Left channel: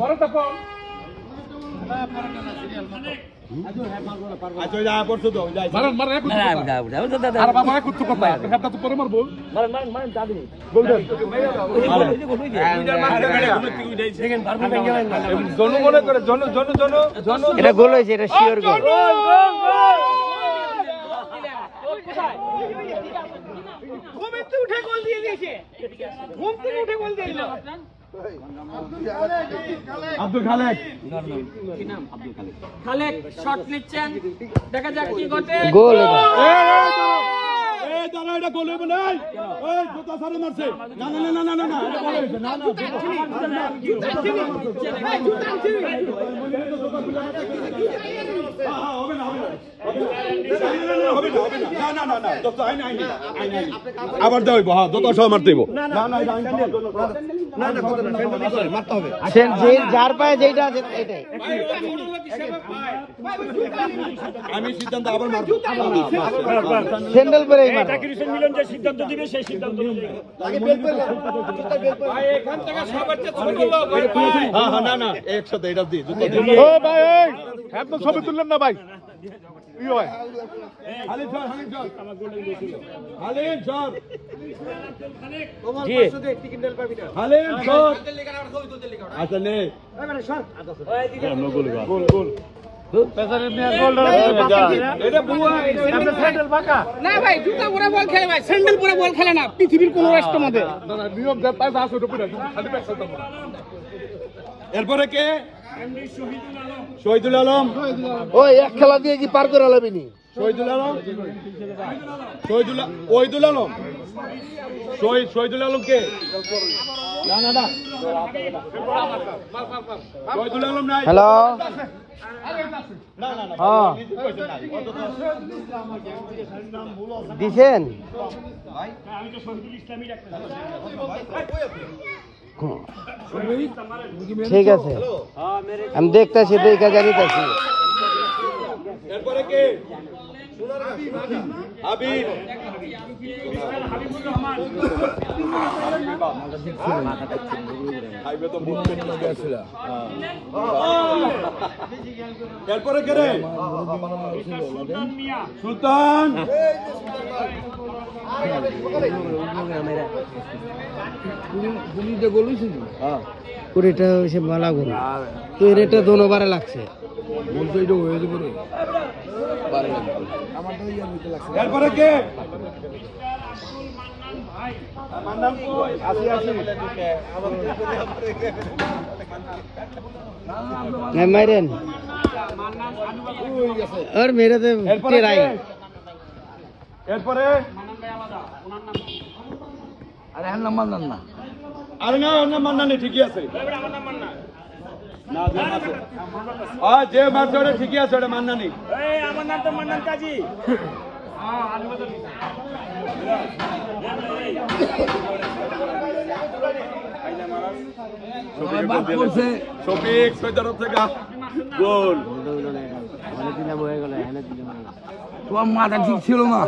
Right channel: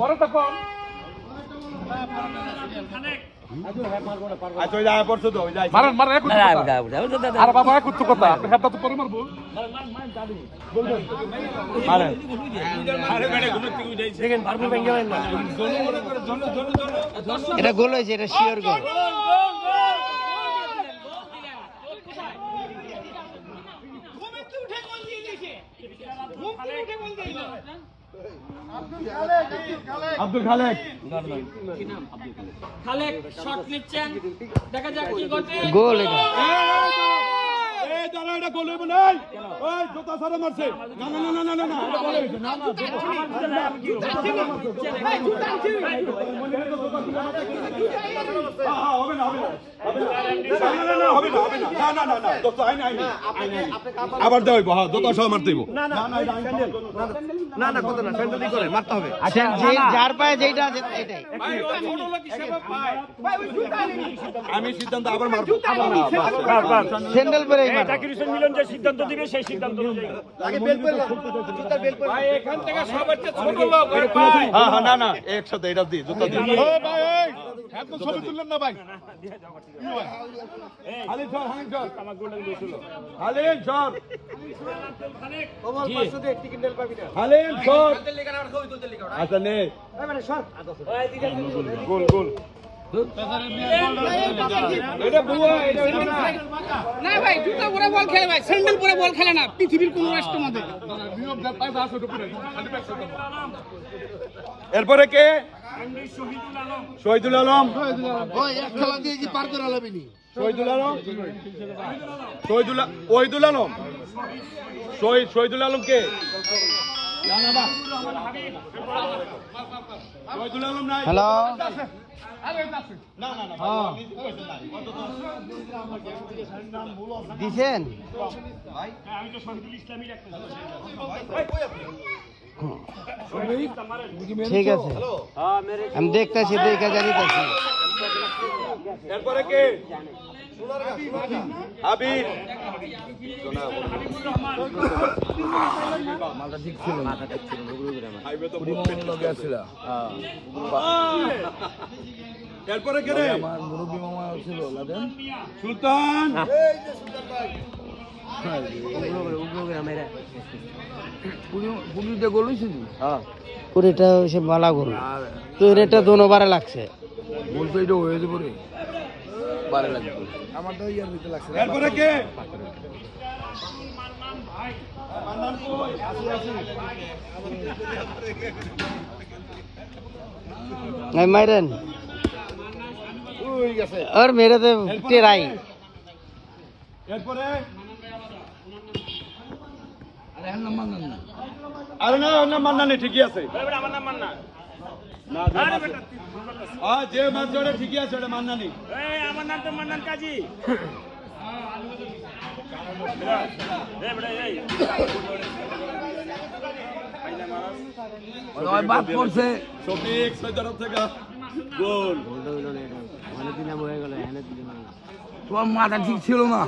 পরেরটা কোন আচ্ছা যা করছো তো যাই মারেন মারেন এক কথা আরে বাবা এক কথা হেডটা তো পরে মারবো মারেন মারেন মারেন দাদু গোল দেন দেখেন পারবো ভেঙে গেলেন না জন মনে করে জন এটা গোল হয়েছে, এটা শিওর গোল। উঠে গোল দিয়ে দিয়েছে, ঘুম থেকে উঠে গোল দিয়ে দিল। আব্দুল খালেক খালেক শট নিচ্ছেন, দেখা যাক কি ঘটে। গোল এটা। এই দাঁড়া, এটা গোল হবে না। ওই জোতা সারে মারছে। না না না না না না, এটা গোল হয়েছে। না না হবে না হবে না আবার দেব। হ্যাঁ জোতা সহ মারতে হইব। না না না না কত না মারতে হবে। যার পায়ে যেটা আছে এটাই। আমি সিদ্ধান্ত আবার মারবো। স্যান্ডেল পরে মার। জাকির হোসেন মিলন যে সিদ্ধান্ত দিবে সেই সিদ্ধান্ত আগে বের করে ভাই এখান থেকে সর্বোচ্চ ছোট লোক ভাই। হ্যাঁ হ্যাঁ না না একসাথে এটা দি। ও ভাই এই একদম ছবি তুললেন না ভাই। ইও ভাই Halim sir Halim sir Halim sir আচ্ছা নে গোল গোল না ভাই জুতা পরে বল খেলে ভাই, স্যান্ডেল পরে বল খেলে না পৃথিবীর কোন রাষ্ট্রের মধ্যে। নিয়ম যা তাই আছে ওটা খালি ব্যাক করতে এরপরে কে? শহীদুল আলম। ওই এক খেলা দিয়ে কি পার করে লাবিনি। শহীদুল আলম ওহিদুল আলম শহীদুল আলম কে? না না না শহীদুল আলম নাই। হ্যালো দিছেন? ঠিক আছে, আমি দেখতেছি, দেখে জানিতেছি। এরপরে কে? হাবিব। এরপরে কে রে? সুলতান। পুরিটা সে মালা গোল, তোর এটা দোনোবারে লাগছে। এরপরে কে? মাইরেন আর মেরে তো টেরাই। এরপরে আরে হ্যাঁ নাম্বার না, আরে না ওর নাম মান্না নেই, ঠিকই আছে। না যে মারছে ওটা ঠিকই আছে, ওটা মান্না নেই। আমার নাম তো মান্নান কাজী। শফিক সৈদারত থেকে গোল। তোমার মাথা ঠিক ছিল না।